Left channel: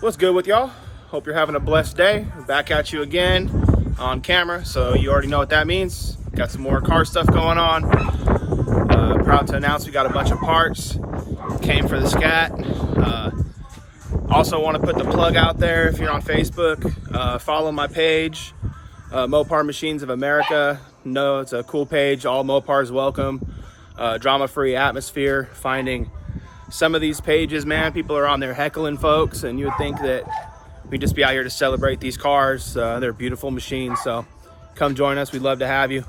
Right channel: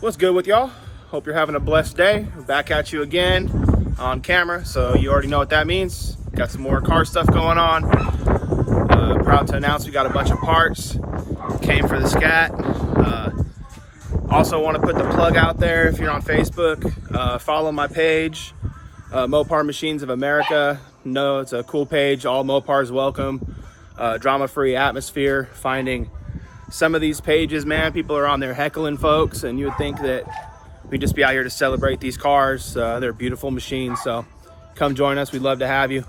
What's good with y'all? Hope you're having a blessed day. Back at you again on camera, so you already know what that means. Got some more car stuff going on. Proud to announce we got a bunch of parts. Came for the Scat. Also want to put the plug out there. If you're on Facebook, follow my page, Mopar Machines of America. No, it's a cool page. All Mopars welcome. Drama-free atmosphere. Finding some of these pages, man, people are on there heckling folks, and you would think that we'd just be out here to celebrate these cars. They're beautiful machines, so come join us. We'd love to have you.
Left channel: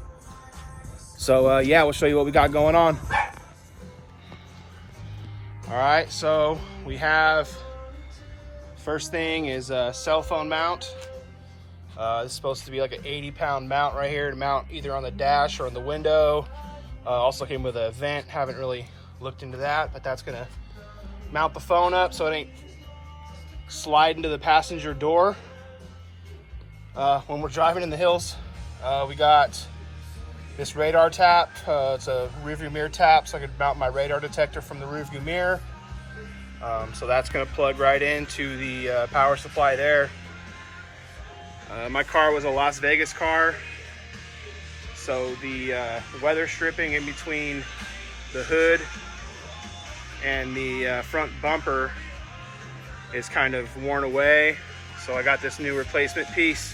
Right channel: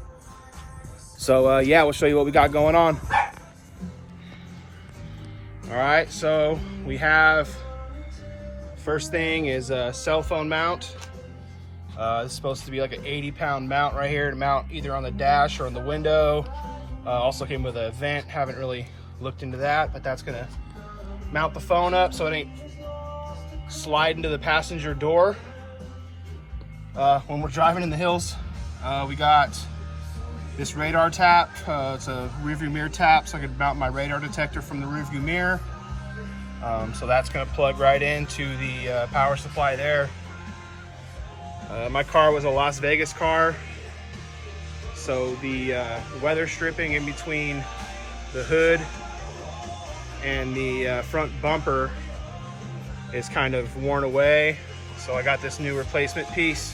So yeah, we'll show you what we got going on. All right, so we have, first thing is a cell phone mount. This is supposed to be like an 80-pound mount right here to mount either on the dash or in the window. Also came with a vent. Haven't really looked into that, but that's gonna mount the phone up so it ain't sliding to the passenger door when we're driving in the hills. We got this radar tap. It's a rearview mirror tap, so I can mount my radar detector from the rearview mirror. So that's gonna plug right into the power supply there. My car was a Las Vegas car, so the weather stripping in between the hood and the front bumper is kind of worn away, so I got this new replacement piece.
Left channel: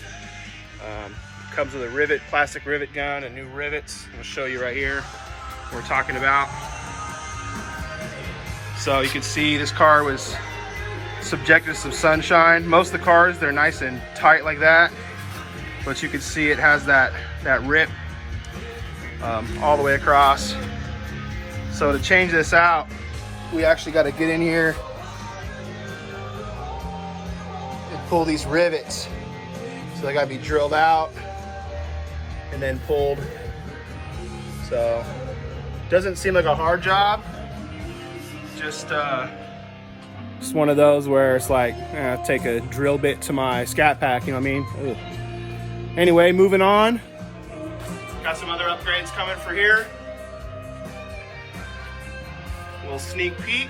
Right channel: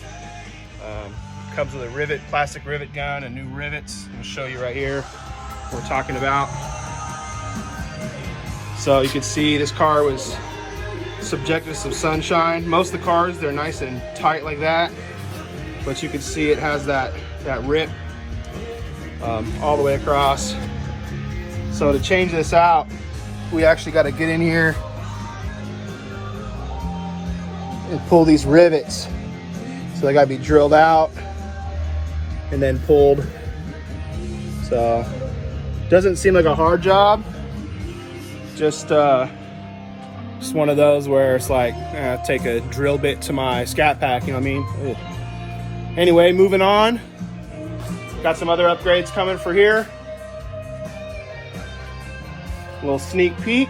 Comes with a plastic rivet gun and new rivets. I'll show you right here what we're talking about. So you can see this car was subjected to some sunshine. Most of the cars, they're nice and tight like that, but you can see it has that rip all the way across. So to change this out, we actually got to get in here and pull these rivets. So they got to be drilled out and then pulled. So doesn't seem like a hard job. Just one of those where it's like, take a drill bit to my Scatpack, you know what I mean? Ugh. Anyway, moving on. Got some other upgrades coming for here. A little sneak peek.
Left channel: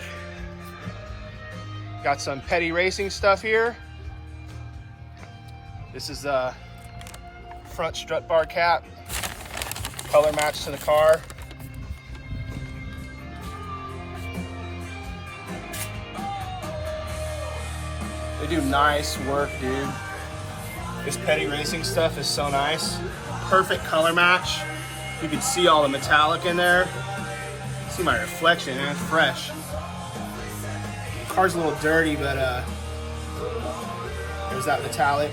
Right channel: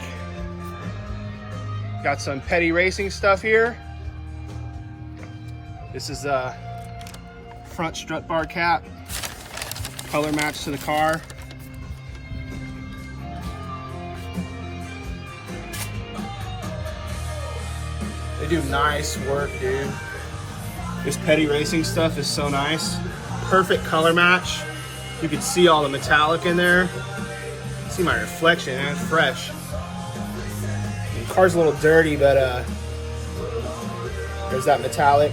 Got some petty racing stuff here. This is a front strut bar cap, color match to the car. They do nice work, dude. This petty racing stuff is so nice. Perfect color match. You can see all the metallic in there. See my reflection, and it's fresh. The car's a little dirty, but there's that metallic.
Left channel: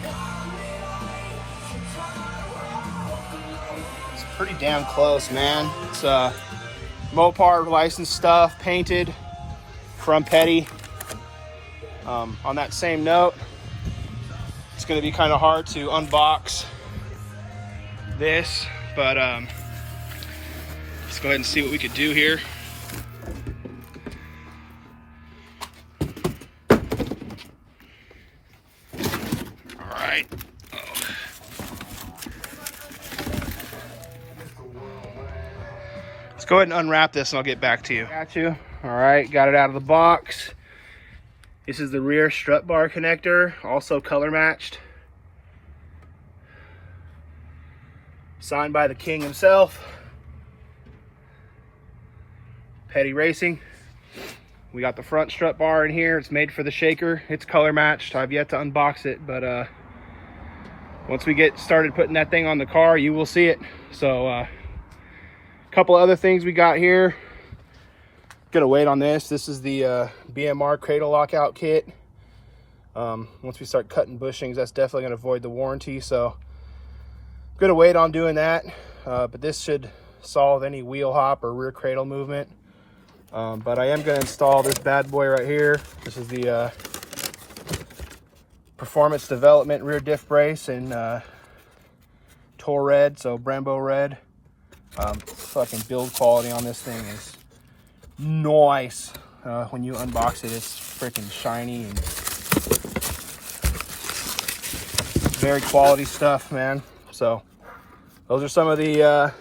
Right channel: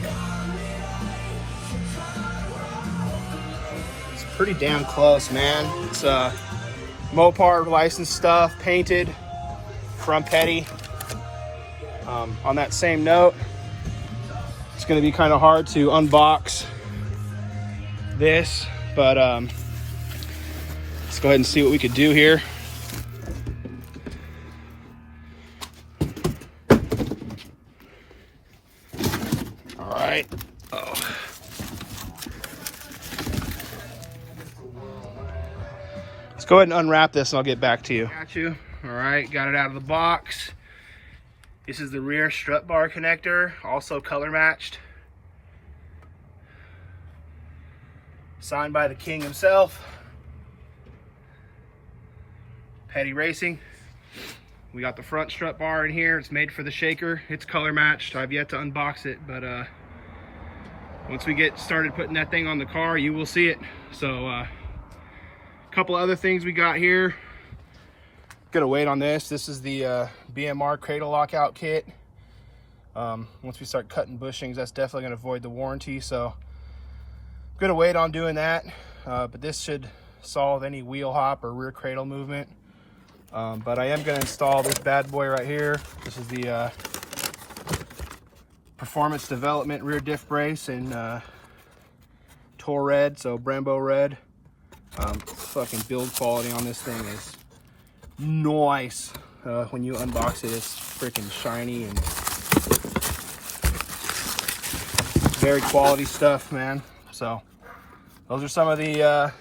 It's pretty damn close, man. It's Mopar licensed stuff, painted from Petty. On that same note, it's going to be kind of hard to unbox this, but let's go ahead and see what we could do here. All right. Oh. Let's go ahead and unwrap this and I'll get back to you. Got you. All right, got it out of the box. This is the rear strut bar connector, also color matched. Signed by the king himself. Petty Racing. We got the front strut bar in here. It's made for the shaker. It's color matched. I've yet to unbox it, but once we get started putting that thing on the car, you will see it. So a couple other things we got here. Gonna wait on this. This is the BMR cradle lockout kit. Once we start cutting bushings, that's definitely gonna void the warranty. So gonna wait on doing that. But this should solve any wheel hop or rear cradle movement. But I am gonna install this bad boy right here. This is the Performance Development rear diff brace in Tor Red, so Brembo Red. Fucking build quality on this thing is nice. When you unbox it, it's freaking shiny and very quality stuff, man. So those are some of the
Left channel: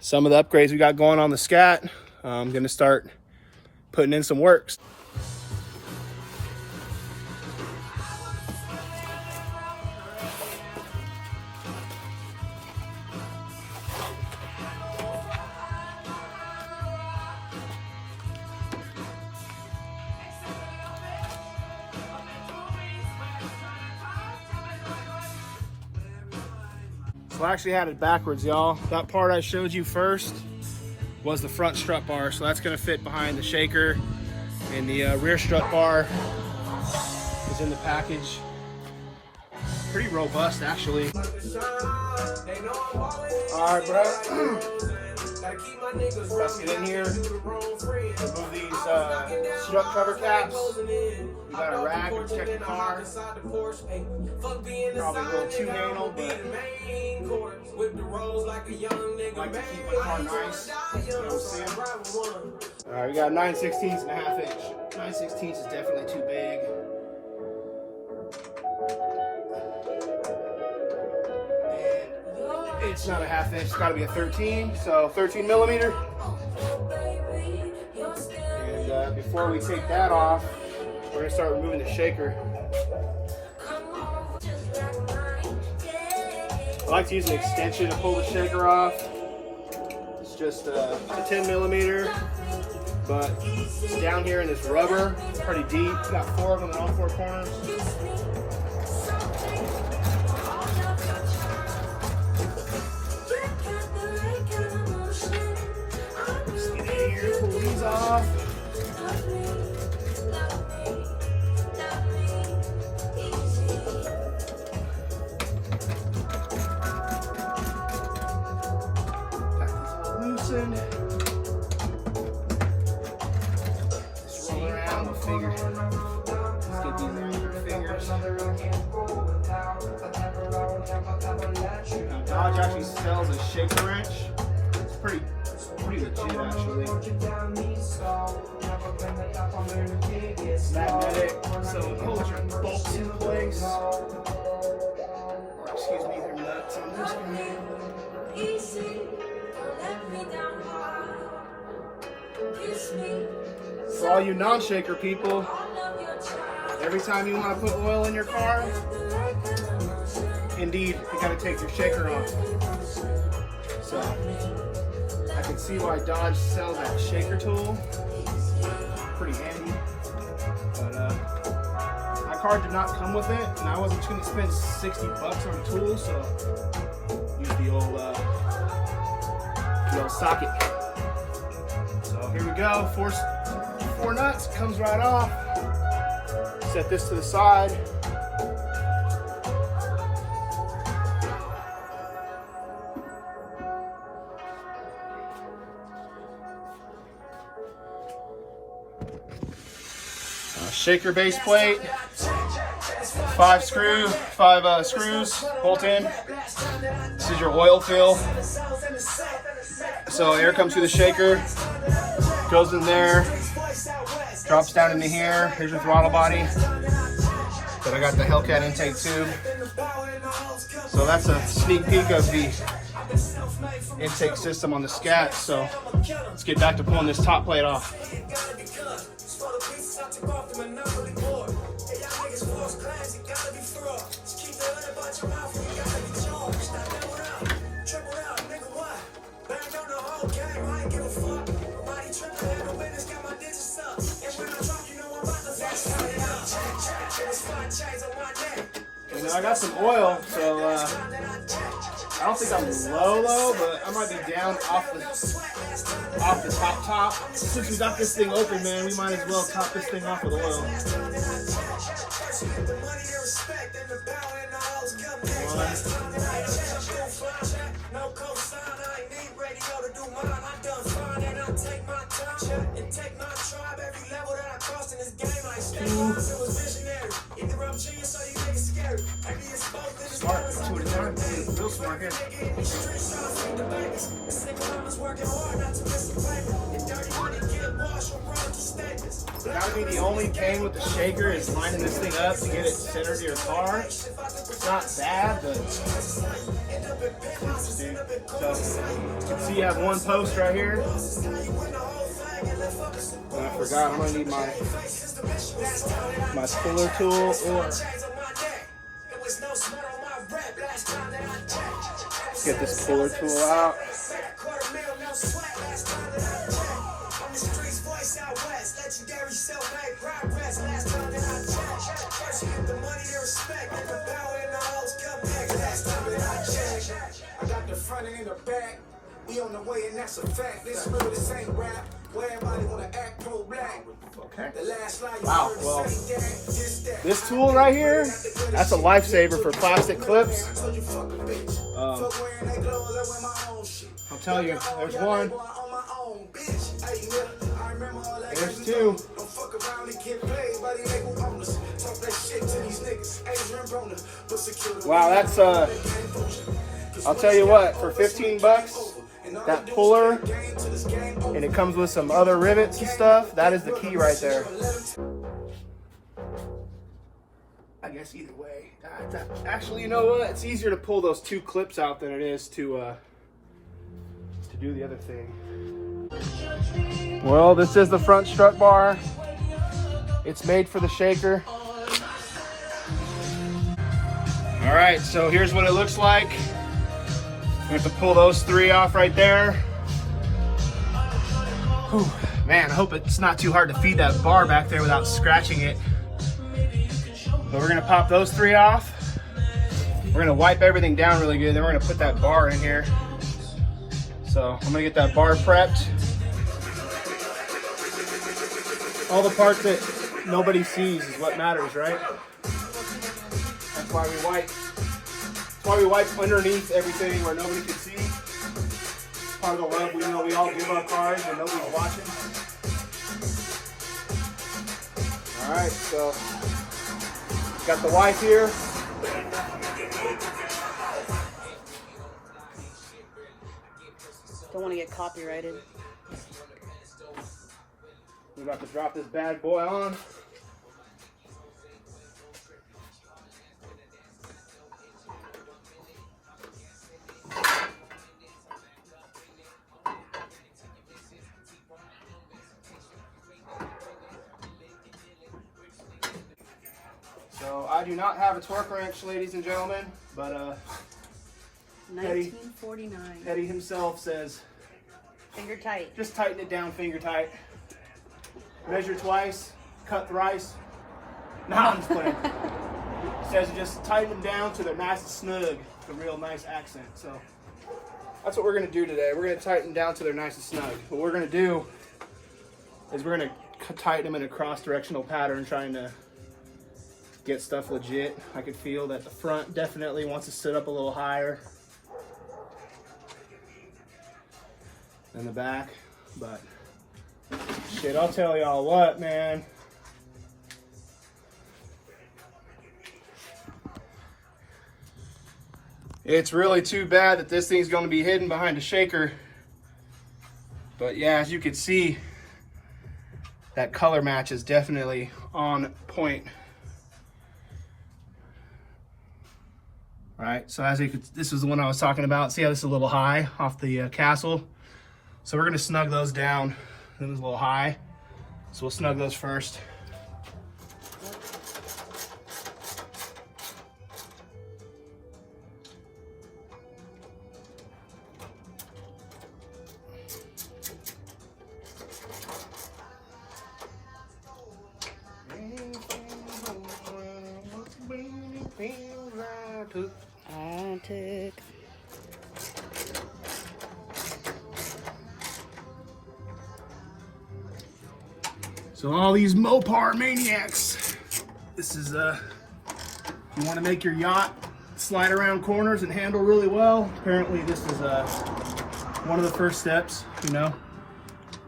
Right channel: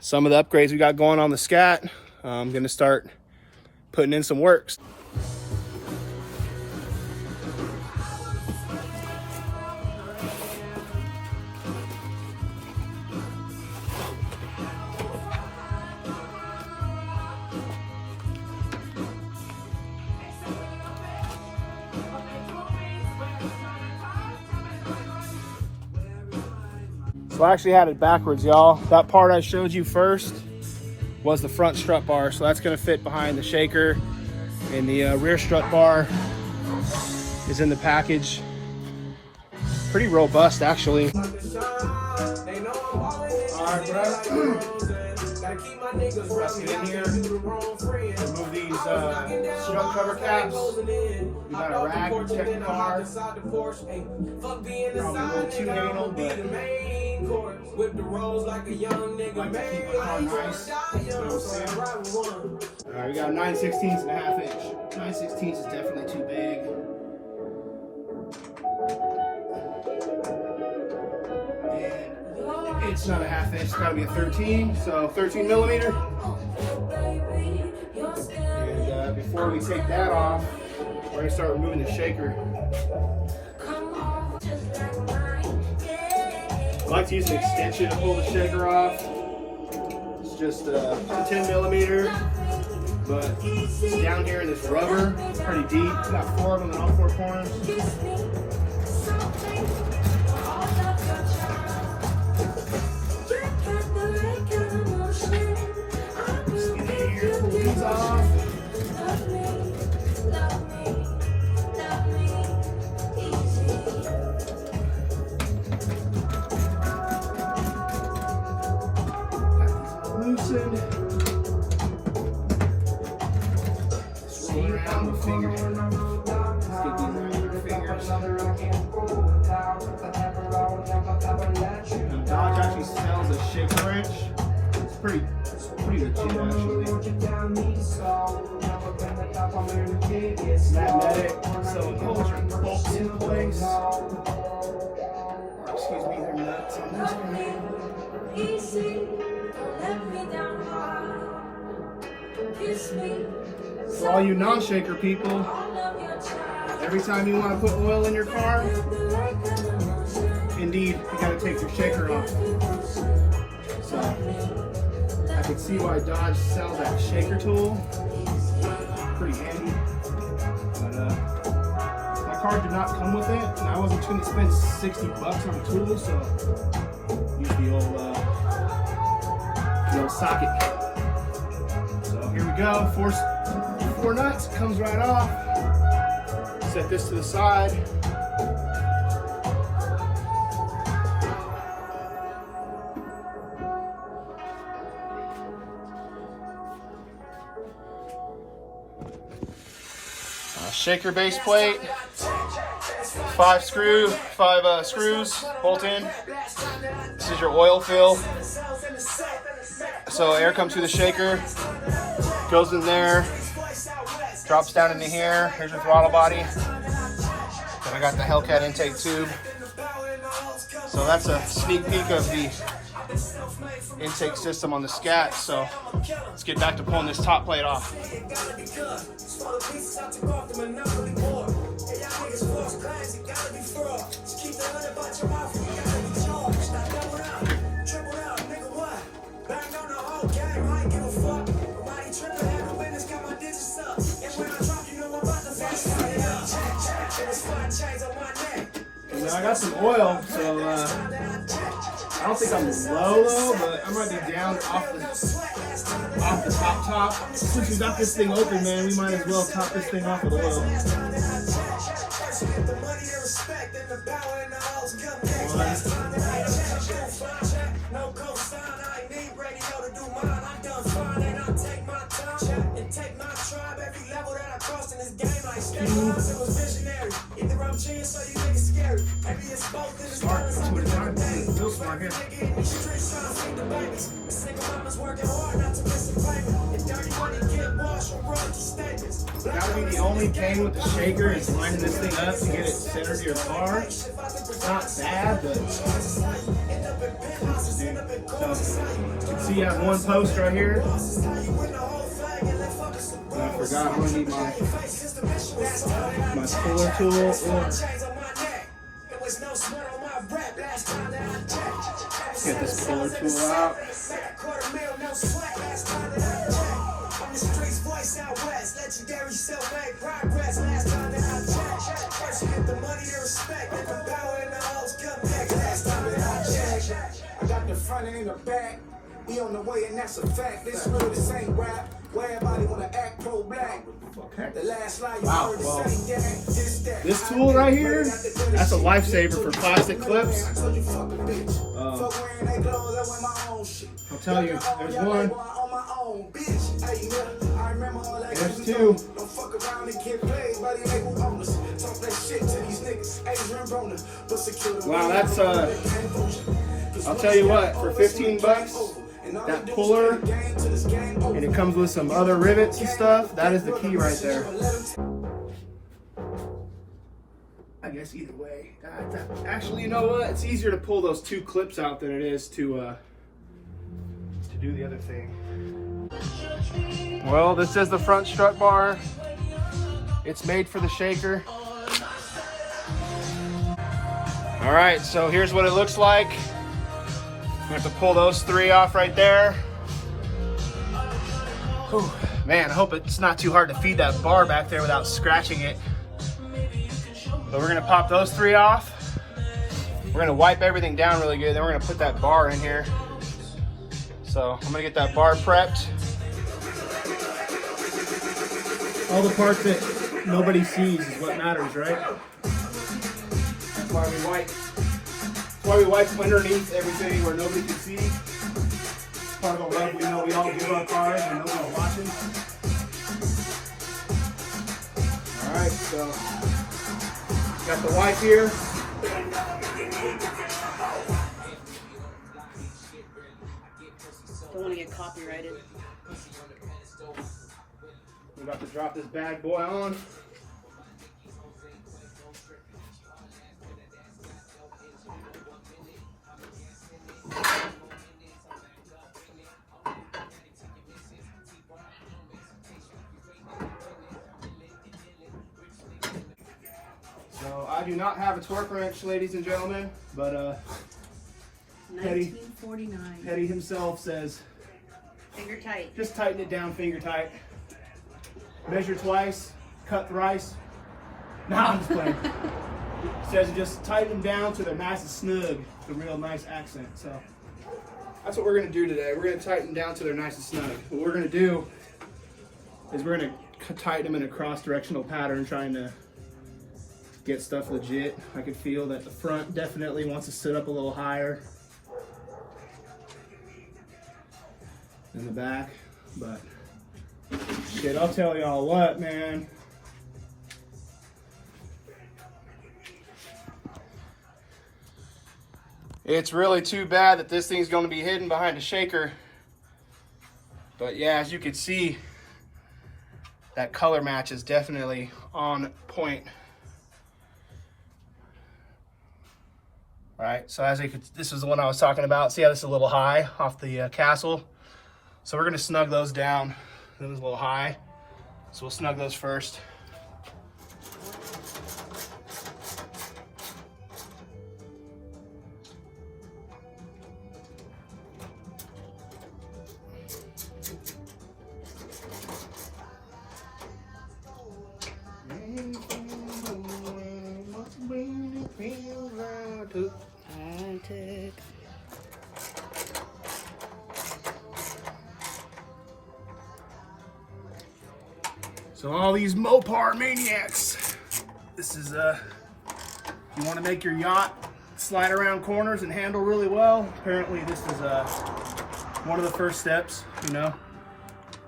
upgrades we got going on the Scat. I'm gonna start putting in some works. Well, I actually had it backwards, y'all. That part I showed you first was the front strut bar, so that's gonna fit behind the shaker, and the rear strut bar is in the package. Pretty robust, actually. All right, bro. Let's get in here. Remove these strut cover caps. We got a rag to protect the car. Probably a little too anal, but I like to keep my car nice. You know what I'm saying? All right, we got 9/16 and a half inch. 9/16 is definitely too big. And it's not a half inch, it's gotta be a 13, so 13 millimeter. And before we take that off, we're gonna start removing the shaker. I like to use an extension to pull the shaker off. It's just 10 millimeter, but it's down here in this rubber. It's pretty deep. It's got 4 of them in all 4 corners. Let's get in here, pull these off. Loosen. Swirl around with fingers. Let's get these around your fingers. Now Dodge actually sells a shaker wrench. It's pretty legit actually. It's magnetic, so it holds your bolts in place. Or excuse me, they're nuts on this guy. For all you non-shaker people, every time you want to put oil in your car, indeed, you got to take your shaker off. So, I can see why Dodge sells that shaker tool. Pretty handy. But my car did not come with it, and I wasn't going to spend 60 bucks on a tool, so use the old socket. So here we go, four nuts, comes right off. Set this to the side. Shaker base plate, 5 screws, bolt in. This is your oil fill. So air comes through the shaker, goes in there, drops down into here. Here's your throttle body. So I got the Hellcat intake tube. So that's a sneak peek of the intake system on the Scat. So let's get back to pulling this top plate off. You know, I got some oil, so I don't think I'm low, but I might be down off the top. Since we got this thing open, man, we might as well top this thing off with oil. Smart, 2 at a time. Real smart here. Gotta be the only pain with the shaker is lining this thing up to get it centered to your car. It's not bad, but so you can see you have one post right here. I forgot I'm gonna need my puller tool or get this puller tool out. Okay. Wow, well, this tool right here, that's a lifesaver for plastic clips. I'll tell you, there's one, and there's two. Wow, that's, I'll tell you what, for 15 bucks, that puller, and it comes with some other rivets and stuff, that is the key right there. I guess either way. Actually, you know what? It's easier to pull those two clips out than it is to do the other thing. Well, this is the front strut bar. It's made for the shaker. All right, so here's what it looks like. We're going to pull those three off right there. Whew, man, I hope it's not too hard to feed that bar back there without scratching it. But we're going to pop those three off. We're going to wipe everything down really good. Then we're going to put that bar in here. So I'm going to get that bar prepped. All the parts that nobody sees is what matters, right? That's why we wipe. That's why we wipe underneath everything where nobody can see. It's part of the love we know we all give our cars when nobody's watching. All right, so got the wipe here. Don't want to get copyrighted. We're about to drop this bad boy on. So I do not have a torque wrench, ladies and gentlemen, but 1949. Eddie himself says, Finger tight. just tighten it down finger tight. Measure twice, cut thrice. Nah, I'm just playing. Says just tighten down to the nice and snug, the real nice accent. So that's what we're gonna do today. We're gonna tighten down to their nice and snug. What we're gonna do is we're gonna tighten them in a cross-directional pattern, trying to get stuff legit. I could feel that the front definitely wants to sit up a little higher than the back, but shit, I'll tell y'all what, man. It's really too bad that this thing's going to be hidden behind a shaker. But yeah, as you can see, that color match is definitely on point. All right, so as you could, this is the one I was talking about. See how this is a little high off the castle? So we're gonna snug those down. This is a little high, so we'll snug those first. So all these Mopar maniacs, this is you want to make your yacht slide around corners and handle really well. Apparently this is one of the first steps, you know.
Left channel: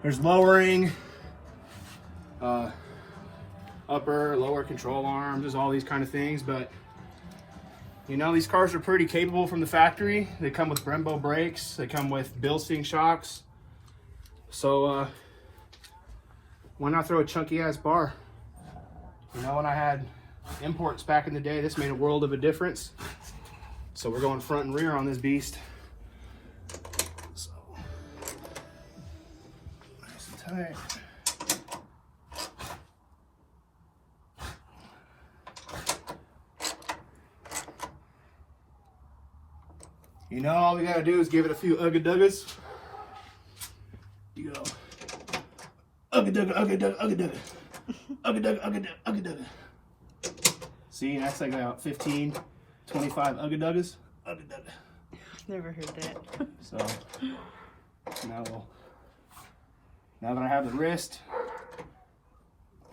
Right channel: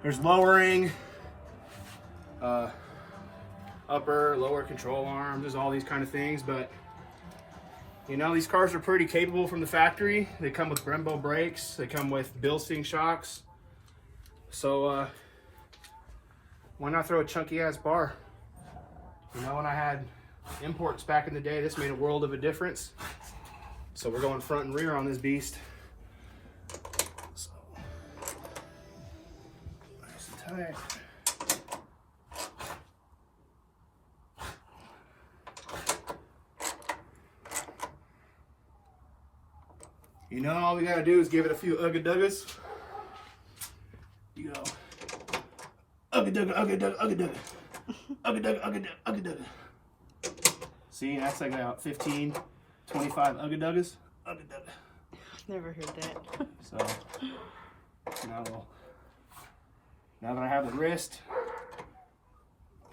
There's lowering, upper, lower control arms, there's all these kind of things, but you know, these cars are pretty capable from the factory. They come with Brembo brakes, they come with Bilstein shocks. So why not throw a chunky ass bar? You know, when I had imports back in the day, this made a world of a difference. So we're going front and rear on this beast. So, nice and tight. You know, all we gotta do is give it a few ugga-duggas. You go, ugga-dugga, ugga-dugga, ugga-dugga, ugga-dugga, ugga-dugga, ugga-dugga. See, that's like about 15, 25 ugga-duggas. Ugga-dugga. Never heard that. So, Now that I have the wrist,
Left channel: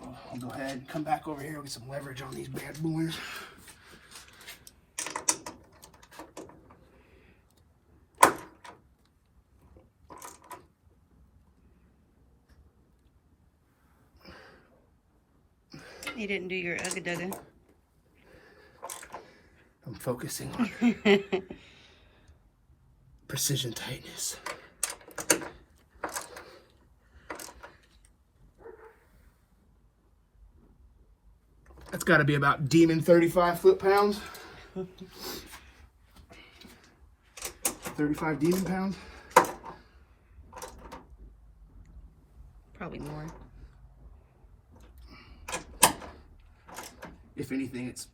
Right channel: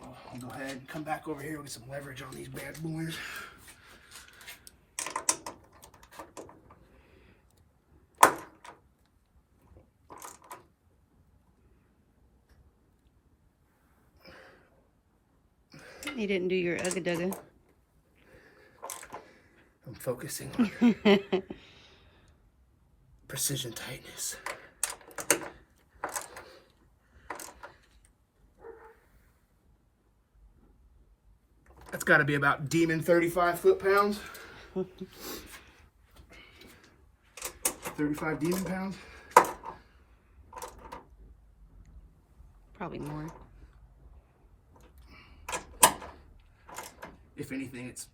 I'll go ahead and come back over here with some leverage on these bad boys. You didn't do your ugga-dugga. I'm focusing on precision tightness. That's got to be about demon 35 foot-pounds. 35 demon pounds. Probably more. If anything, it's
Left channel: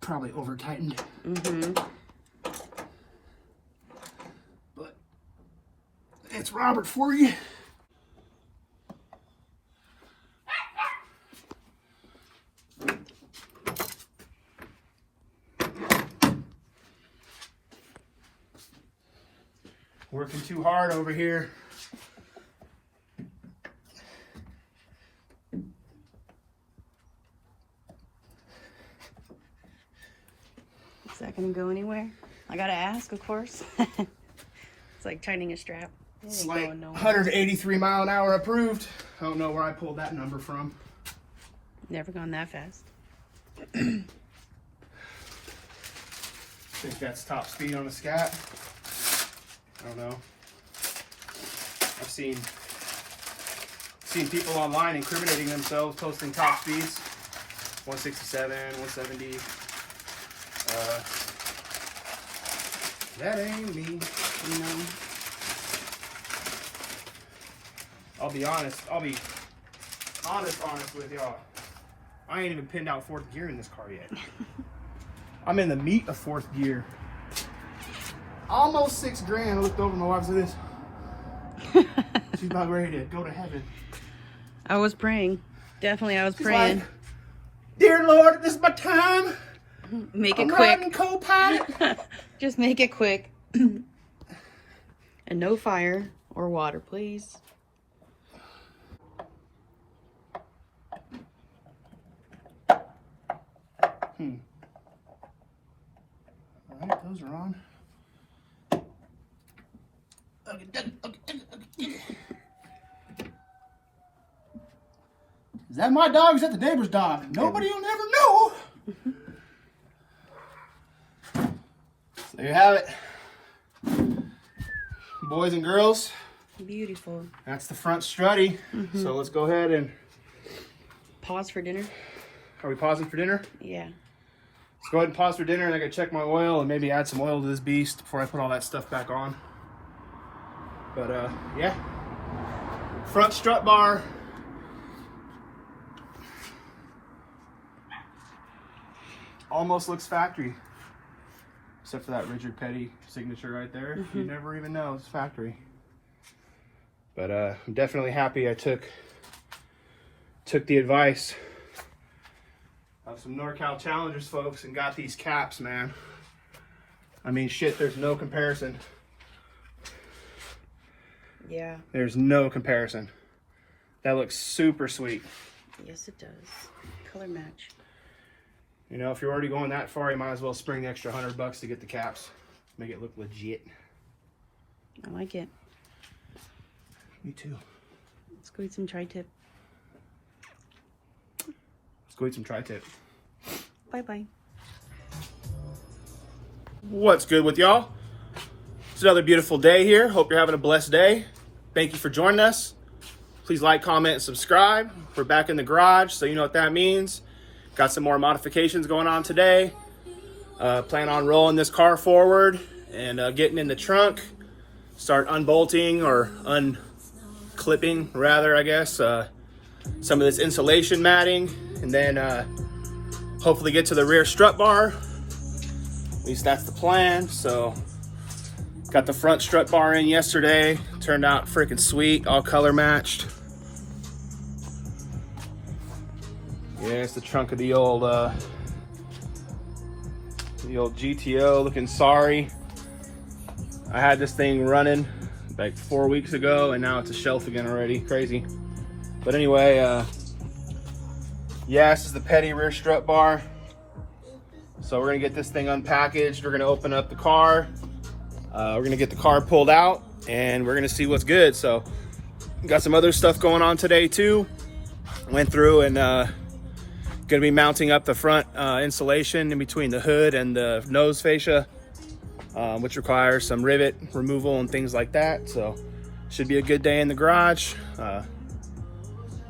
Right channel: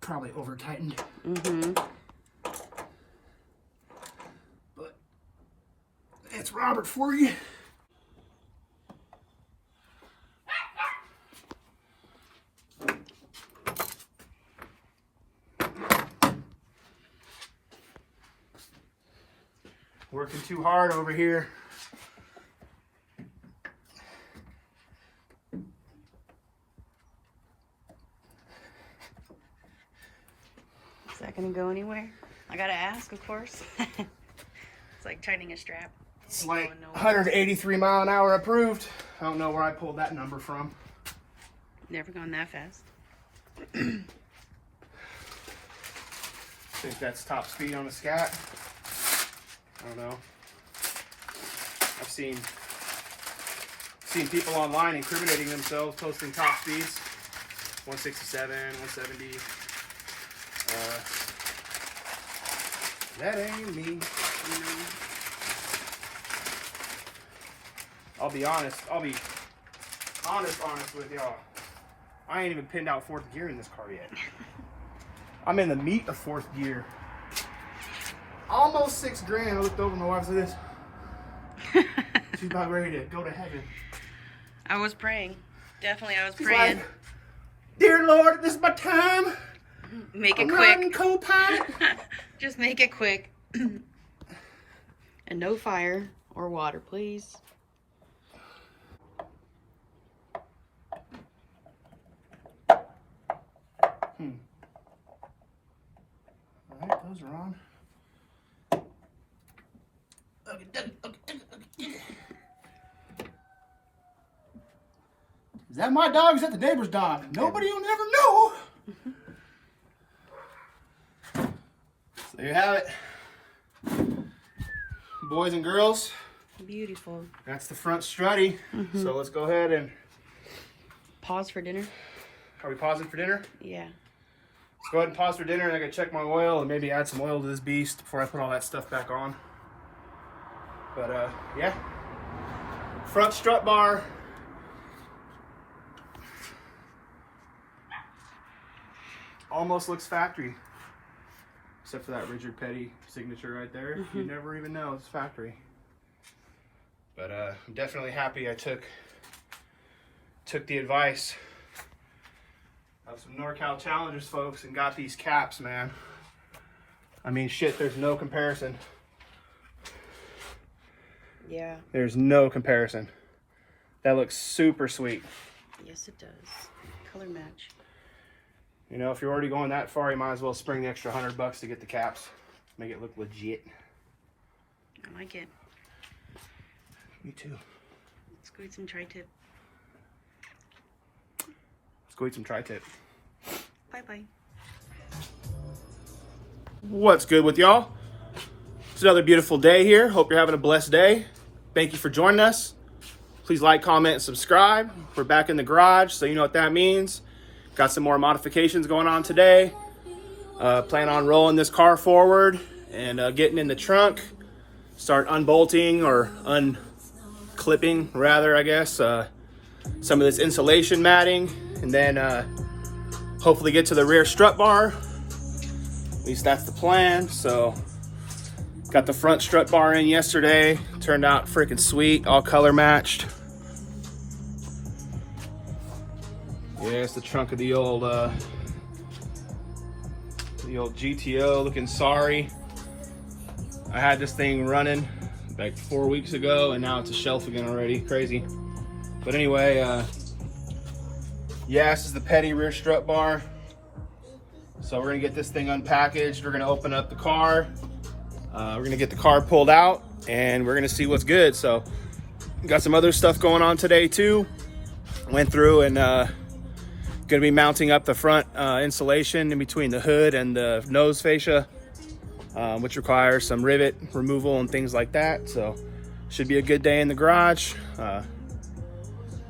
probably over-tightened. But it's Robert for you. Working too hard over here. Is that gonna go anywhere? I gotta ask, of course. It's like tightening a strap. It's like 183 mile an hour approved. I don't know where I pulled that number from. Never gone that fast. I think that's top speed on a Scat. I don't know. I've seen people online incriminating themselves, posting top speeds, 167, 170. That ain't me, you know. I'll be honest with y'all. I ain't even pinned out 4th gear in this car yet. I'm in the meat of 4th gear. Almost $6 grand. I looked over at my wife and said this. She's about ready to go to heaven. I was praying. Definitely, I was She's praying. like, dear Lord, this is my time. Make it I'm quick. riding co-pilot. Just make it quick. And no fire or water, please. All right, those are on. Is that my dog or is that the neighbor's dog? Nobody will never know. So there you have it. Boys and girls. Beautiful. That's the front strutty. So let's go ahead and... Pause for dinner? Are we pausing for dinner? Yeah. Let's go ahead and pause for dinner and I'm going to check my oil and maybe add some oil to this beast before I put all that stuff back on. But yeah. Front strut bar. Almost looks factory. Except for that Richard Petty signature right there. You never even know it's factory. But I'm definitely happy I took the advice of some NorCal Challengers folks and got these caps, man. I mean, shit, there's no comparison. Yeah. There's no comparison. That looks super sweet. Yes, it does. Color match. You know, if you're already going that far, you might as well spring the extra $100 to get the caps. Make it look legit. I like it. Me too. Let's go eat some tri-tip. Let's go eat some tri-tip. Bye-bye. What's good with y'all? It's another beautiful day here. Hope you're having a blessed day. Thank you for joining us. Please like, comment, and subscribe. We're back in the garage, so you know what that means. Got some more modifications going on today. Plan on rolling this car forward and getting in the trunk. Start unbolting or unclipping, rather, I guess, some of this insulation matting. And then hopefully get to the rear strut bar. At least that's the plan. So got the front strut bar in yesterday. Turned out freaking sweet, all color matched. Yeah, it's the trunk of the old GTO, looking sorry. I had this thing running like 4 weeks ago, and now it's a shelf again already. Crazy. But anyway, yeah, this is the Petty rear strut bar. So we're gonna get this thing unpackaged. We're gonna open up the car. We're gonna get the car pulled out, and we're gonna see what's good. So got some other stuff going on today too. Went through and gonna be mounting up the front insulation in between the hood and the nose fascia, which requires some rivet removal and things like that. So should be a good day in the garage.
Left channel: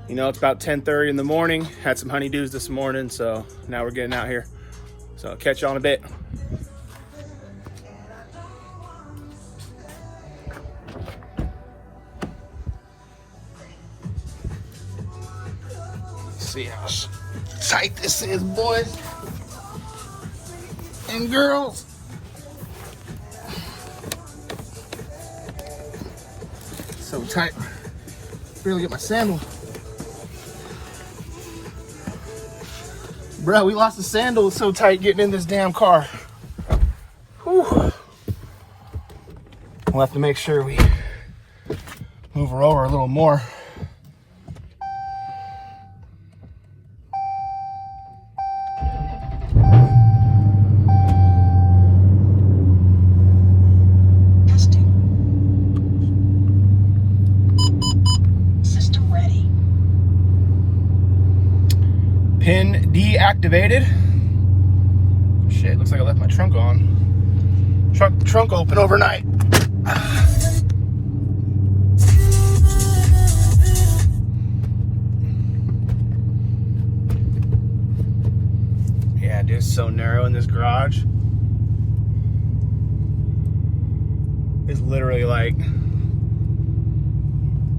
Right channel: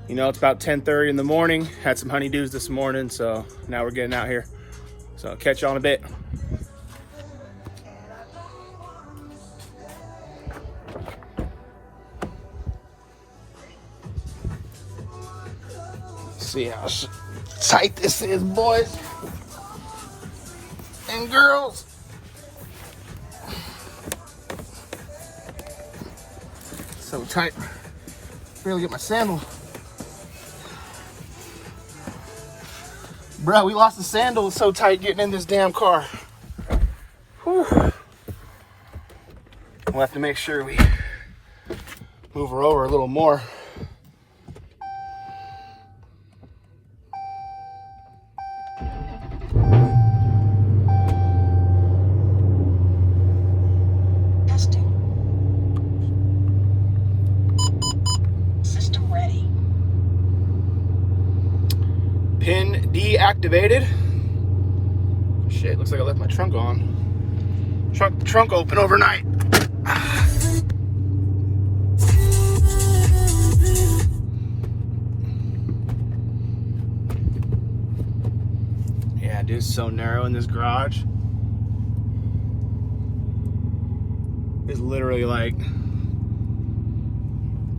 You know, it's about 10:30 in the morning. Had some honeydews this morning, so now we're getting out here. So I'll catch you on a bit. See how tight this is, boys and girls. So tight. Barely get my sandal. Bro, we lost the sandal. It's so tight getting in this damn car. Whew. We'll have to make sure we move her over a little more. Testing. System ready. Pin deactivated. Shit, looks like I left my trunk on. Trunk open overnight. Yeah, dude, it's so narrow in this garage. It's literally like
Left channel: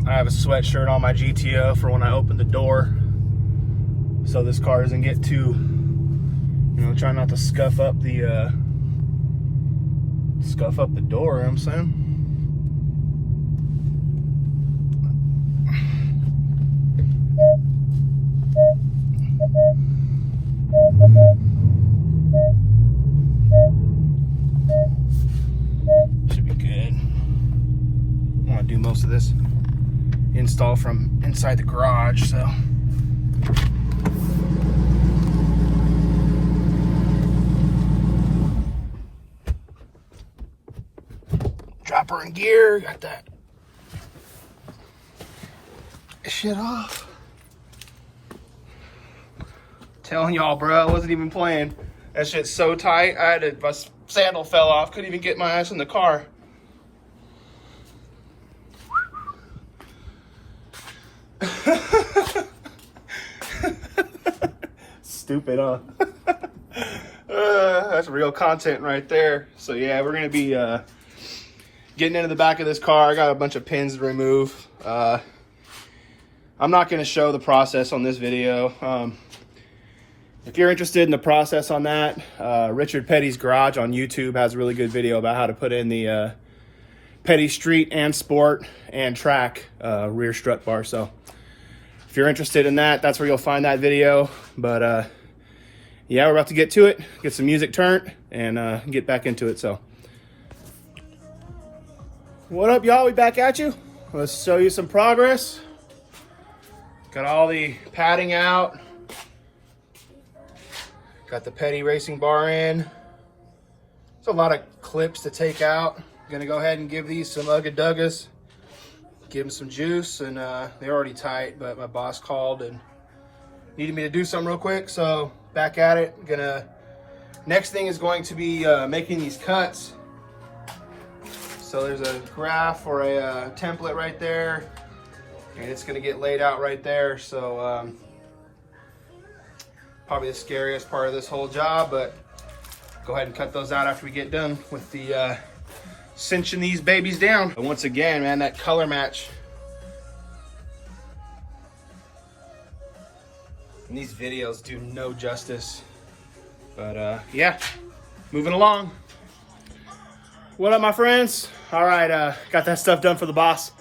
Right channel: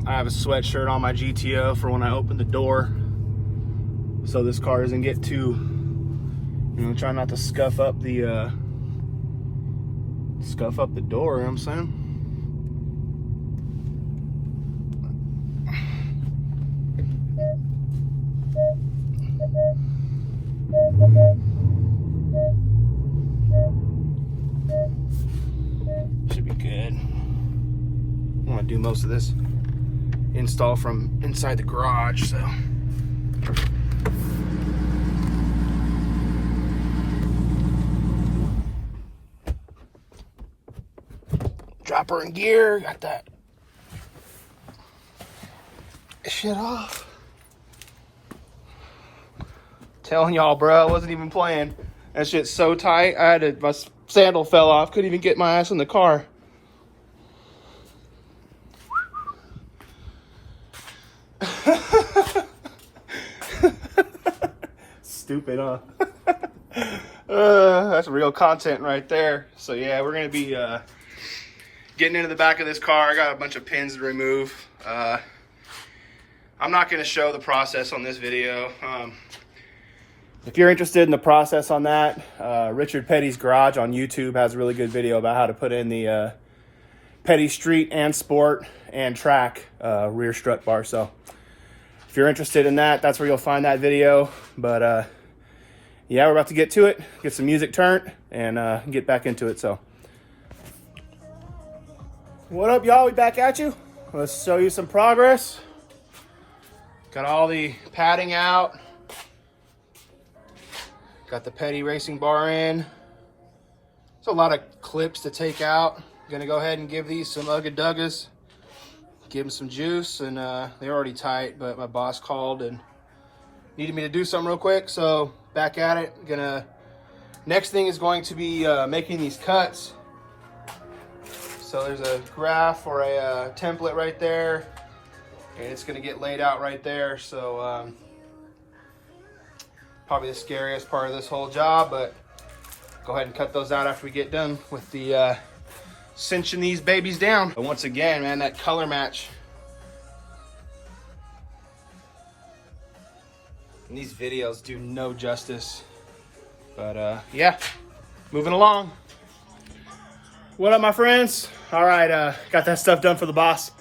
I have a sweatshirt on my GTO for when I open the door, so this car doesn't get too, you know, try not to scuff up the door, you know what I'm saying? Should be good. I'm gonna do most of this install from inside the garage, so. Drop her in gear, got that shit off. Telling y'all, bro, I wasn't even playing. That shit's so tight, my sandal fell off, couldn't even get my ass in the car. Stupid, huh? That's real content right there. So yeah, we're gonna be getting into the back of this car. I got a bunch of pins to remove. I'm not gonna show the process on this video. If you're interested in the process on that, Richard Petty's Garage on YouTube has a really good video about how to put in the Petty Street and Sport and Track rear strut bar. So if you're interested in that, that's where you'll find that video. But yeah, we're about to get to it, get some music turned, and get back into it. So what up, y'all? We back at you. Let's show you some progress. Got all the padding out. Got the Petty racing bar in. There's a lot of clips to take out. Gonna go ahead and give these some ugga-duggas. Give them some juice, and they're already tight, but my boss called and needed me to do something real quick, so back at it. Next thing is going to be making these cuts. So there's a graph or a template right there, and it's gonna get laid out right there. So probably the scariest part of this whole job, but go ahead and cut those out after we get done with the cinching these babies down. But once again, man, that color match. And these videos do no justice. But yeah, moving along. What up, my friends? All right, got that stuff done for the boss.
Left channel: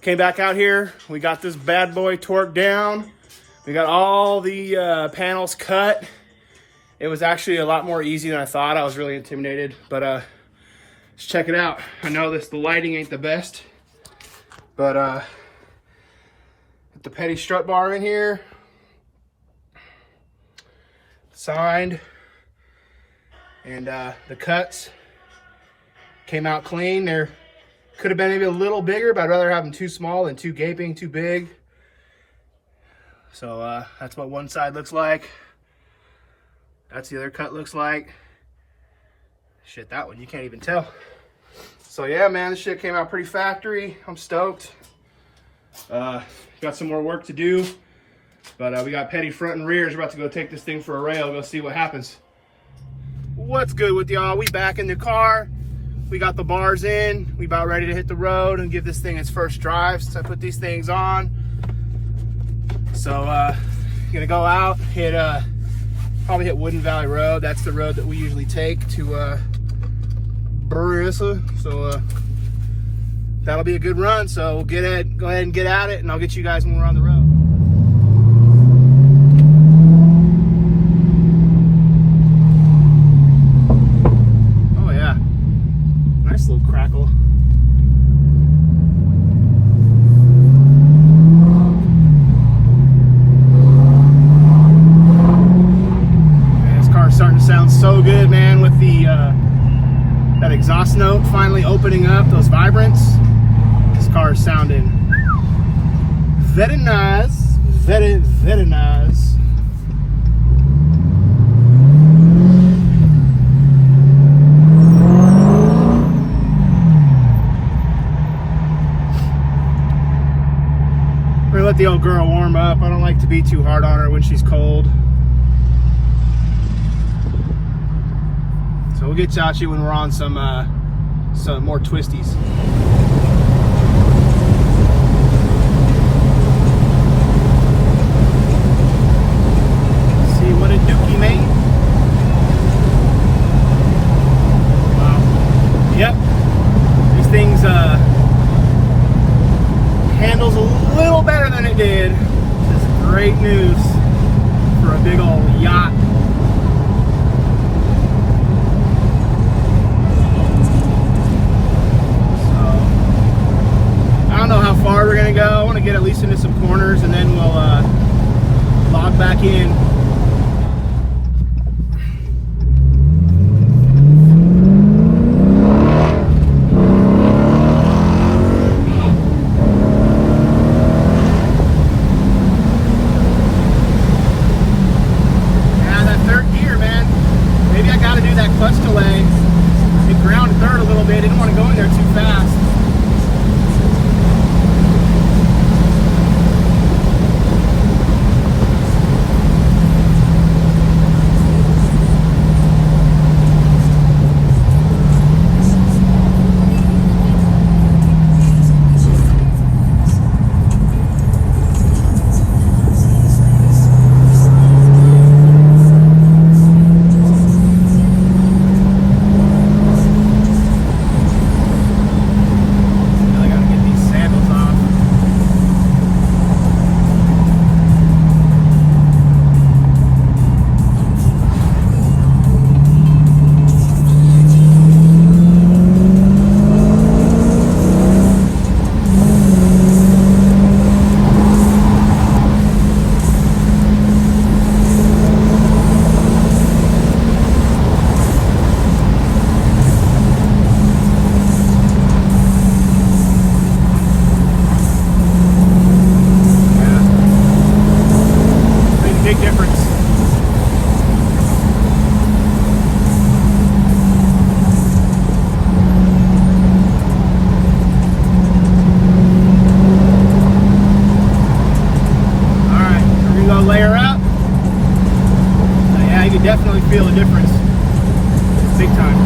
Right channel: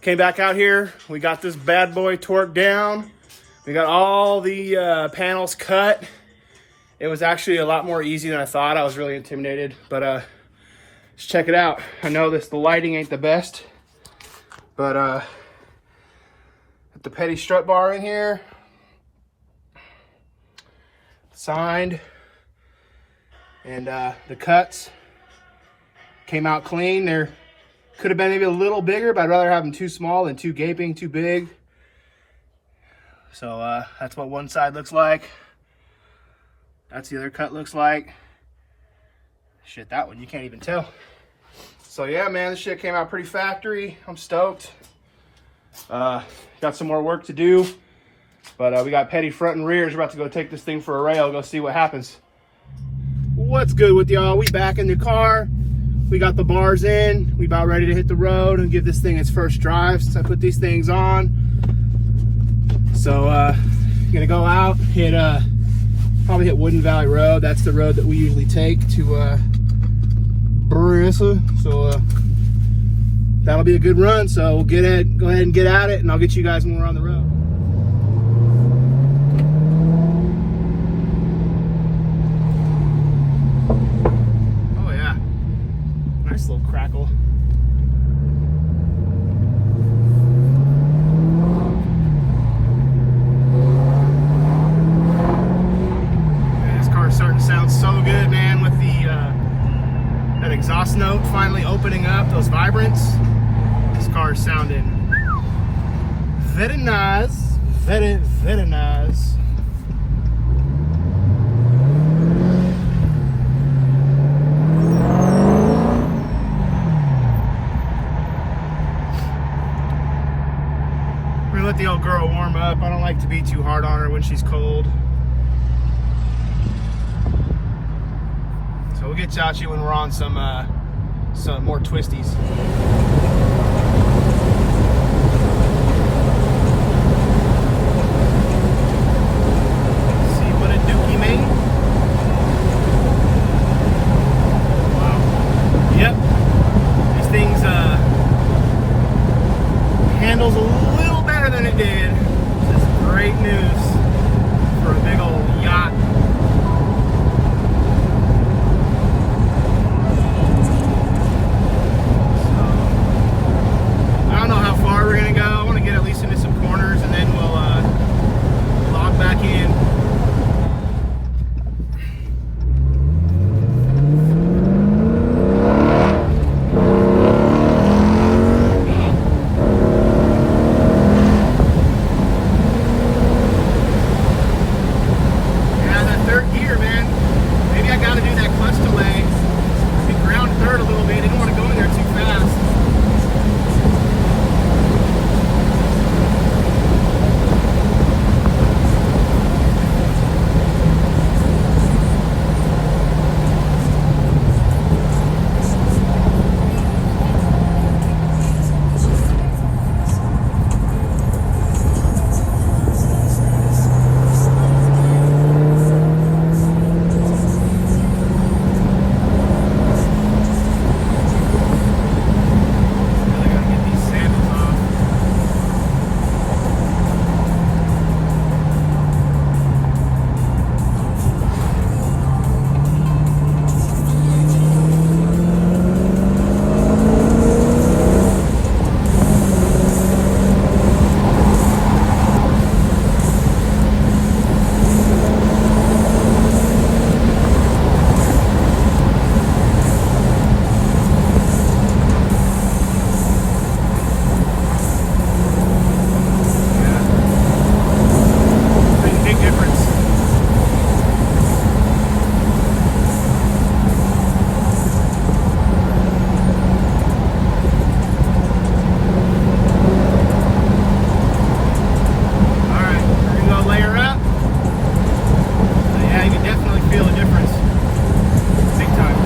Came back out here. We got this bad boy torqued down. We got all the panels cut. It was actually a lot more easy than I thought. I was really intimidated, but Let's check it out. I know the lighting ain't the best, but the petty strut bar in here, signed, and the cuts came out clean. There could have been maybe a little bigger, but I'd rather have them too small than too gaping, too big. So that's what one side looks like. That's the other cut looks like. Shit, that one you can't even tell. So yeah, man, this shit came out pretty factory. I'm stoked. Got some more work to do, but we got petty front and rears. We're about to go take this thing for a rail, go see what happens. What's good with y'all? We back in the car. We got the bars in. We about ready to hit the road and give this thing its first drive since I put these things on. So gonna go out, hit probably hit Wooden Valley Road. That's the road that we usually take to Bristol. So that'll be a good run. So we'll go ahead and get at it, and I'll get you guys when we're on the road. Oh yeah, nice little crackle. Man, this car's starting to sound so good, man, with the that exhaust note finally opening up, those vibrants. This car is sounding very nice, very, very nice. We're gonna let the old girl warm up. I don't like to be too hard on her when she's cold. So we'll get Chachi when we're on some more twisties. See what a dookie made. Wow. Yep. This thing's handles a little better than it did. This is great news for a big old yacht. I don't know how far we're gonna go. I want to get at least into some corners, and then we'll log back in. Yeah, that third gear, man. Maybe I got to do that clutch delay. Be ground third a little bit. I didn't want to go in there too fast. Definitely feel a difference, big time.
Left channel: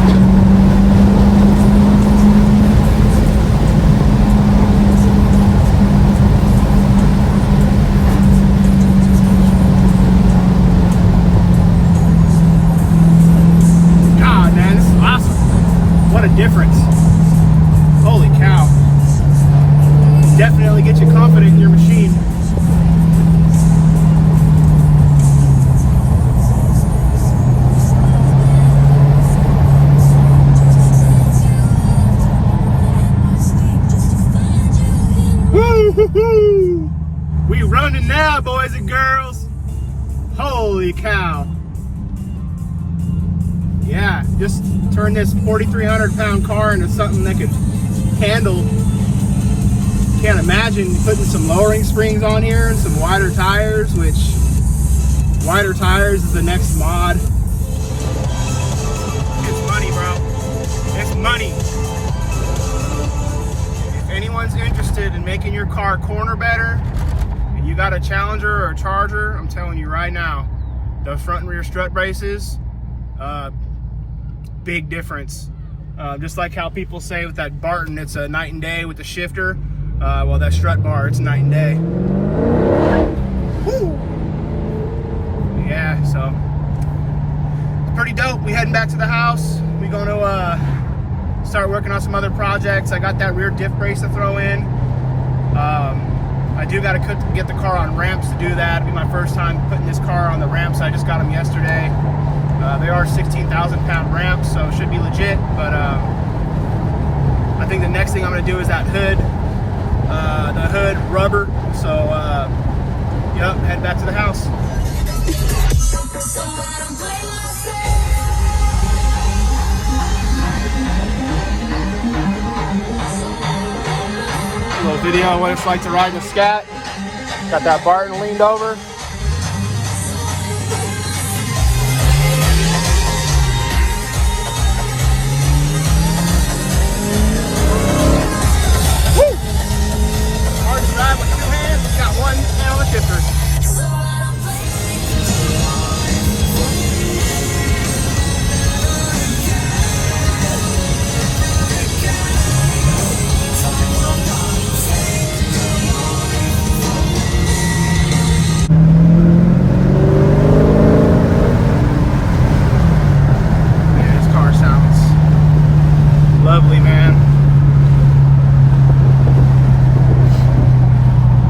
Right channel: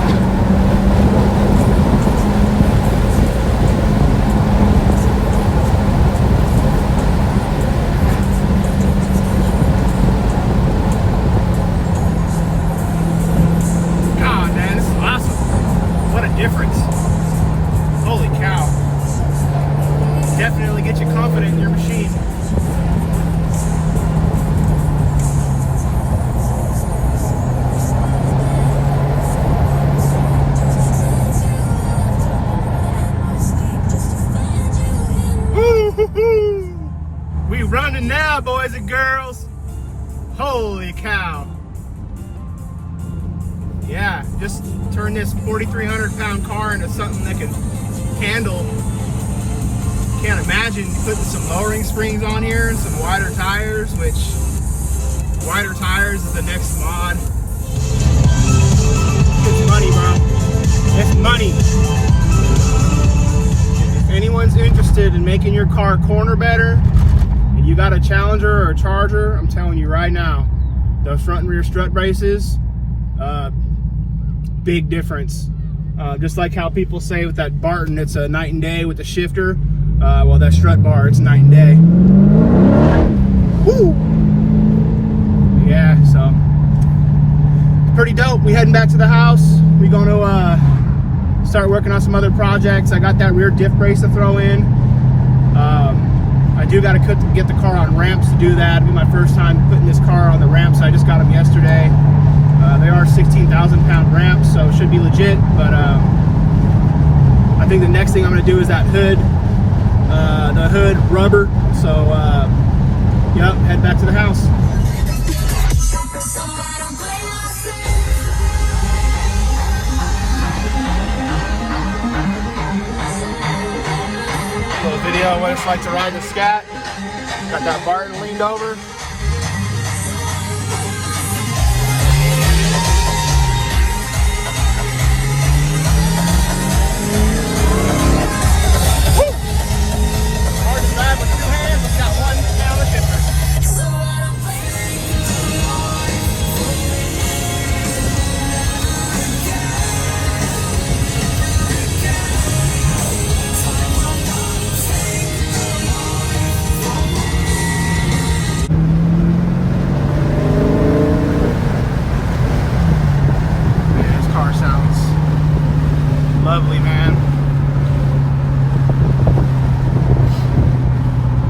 God, man, this is awesome. What a difference. Holy cow. Definitely get you confident in your machine. Holy cow. Yeah, just turn this 4,300 pound car into something that could handle. Can't imagine putting some lowering springs on here and some wider tires, which wider tires is the next mod. It's money, bro. It's money. If anyone's interested in making your car corner better, and you got a Challenger or a Charger, I'm telling you right now, those front and rear strut braces, big difference. Just like how people say with that Barton, it's a night and day with the shifter. Well, that strut bar, it's night and day. Woo! Yeah, so it's pretty dope. We heading back to the house. We gonna start working on some other projects. I got that rear diff brace to throw in. I do got to get the car on ramps to do that. It'll be my first time putting this car on the ramps. I just got them yesterday. They are 16,000 pound ramps, so it should be legit. But I think the next thing I'm gonna do is that hood, the hood rubber. So yep, head back to the house. A little video on what it's like to ride the Scat. Got that Barton leaned over. Lovely, man.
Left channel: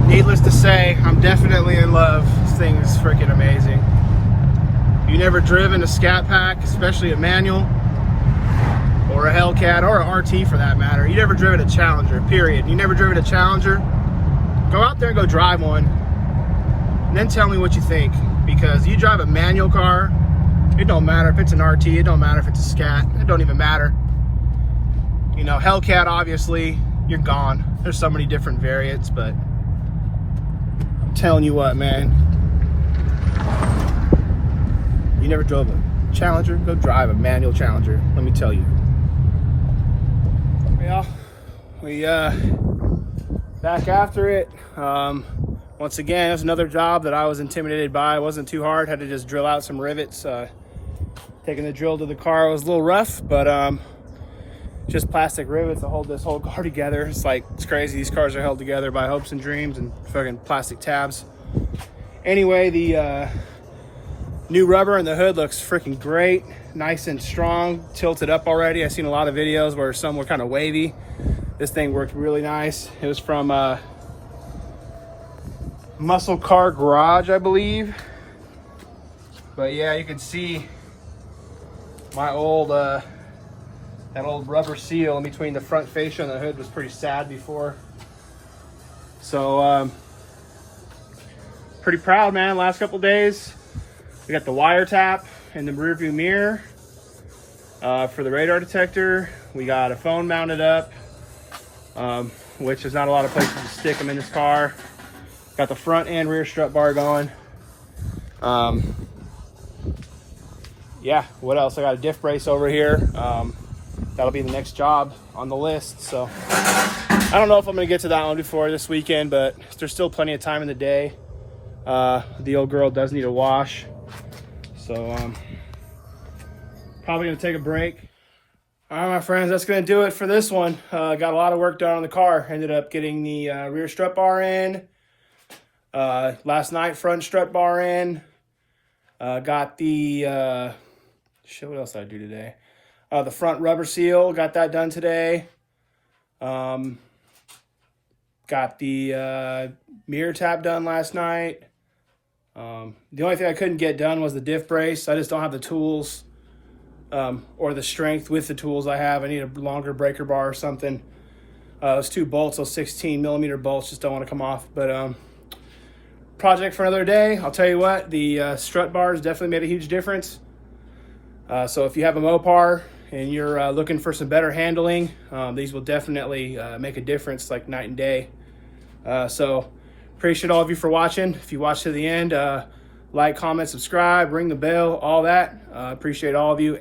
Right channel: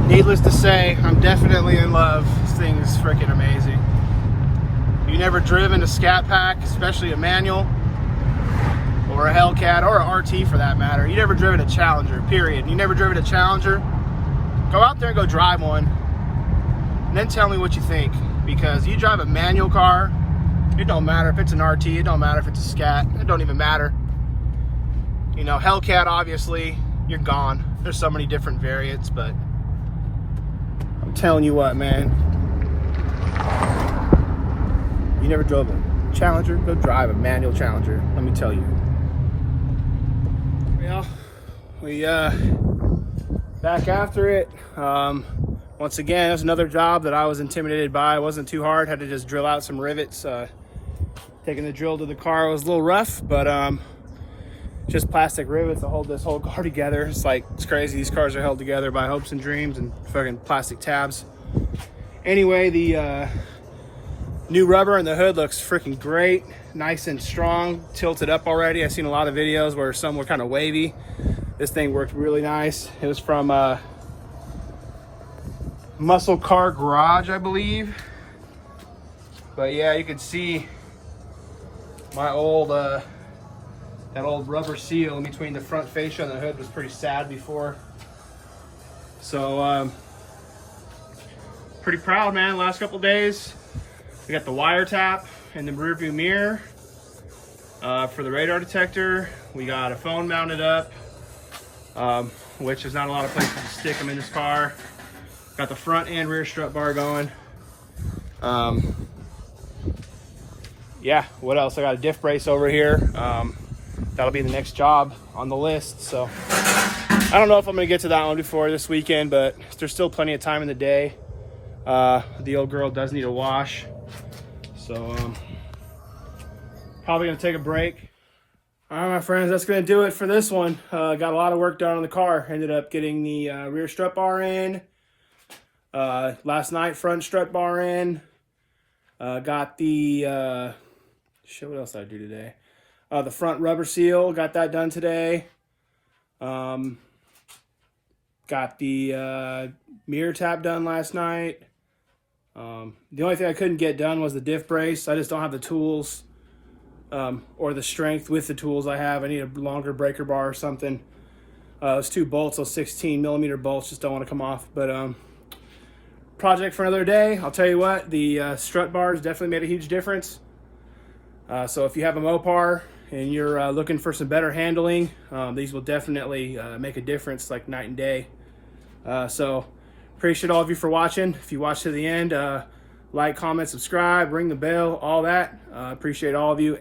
Needless to say, I'm definitely in love. This thing is freaking amazing. You never driven a Scatpack, especially a manual, or a Hellcat, or a RT for that matter. You never driven a Challenger, period. You never driven a Challenger, go out there and go drive one, and then tell me what you think. Because you drive a manual car, it don't matter if it's an RT, it don't matter if it's a Scat, it don't even matter. You know, Hellcat, obviously, you're gone. There's so many different variants, but I'm telling you what, man. You never drove a Challenger? Go drive a manual Challenger, let me tell you. Well, we back after it. Once again, there's another job that I was intimidated by. It wasn't too hard, had to just drill out some rivets. Taking the drill to the car was a little rough, but just plastic rivets to hold this whole car together. It's like, it's crazy. These cars are held together by hopes and dreams and fucking plastic tabs. Anyway, the new rubber in the hood looks freaking great. Nice and strong, tilted up already. I've seen a lot of videos where some were kind of wavy. This thing worked really nice. It was from Muscle Car Garage, I believe. But yeah, you can see my old that old rubber seal in between the front fascia and the hood was pretty sad before. So pretty proud, man. Last couple days we got the wire tap and the rear view mirror for the radar detector. We got a phone mounted up, which there's not a lot of places to stick them in this car. Got the front and rear strut bar going. Yeah, what else? I got a diff brace over here. That'll be the next job on the list. So I don't know if I'm gonna get to that one before this weekend, but there's still plenty of time in the day. The old girl does need a wash. So probably gonna take a break. All right, my friends, that's gonna do it for this one. Got a lot of work done on the car. Ended up getting the rear strut bar in. Last night, front strut bar in. Got the, shit, what else did I do today? The front rubber seal, got that done today. Got the mirror tap done last night. The only thing I couldn't get done was the diff brace. I just don't have the tools or the strength with the tools I have. I need a longer breaker bar or something. Those two bolts, those 16 millimeter bolts, just don't want to come off. But project for another day. I'll tell you what, the strut bars definitely made a huge difference. So if you have a Mopar and you're looking for some better handling, these will definitely make a difference like night and day. So appreciate all of you for watching. If you watched to the end, like, comment, subscribe, ring the bell, all that. Appreciate all of you.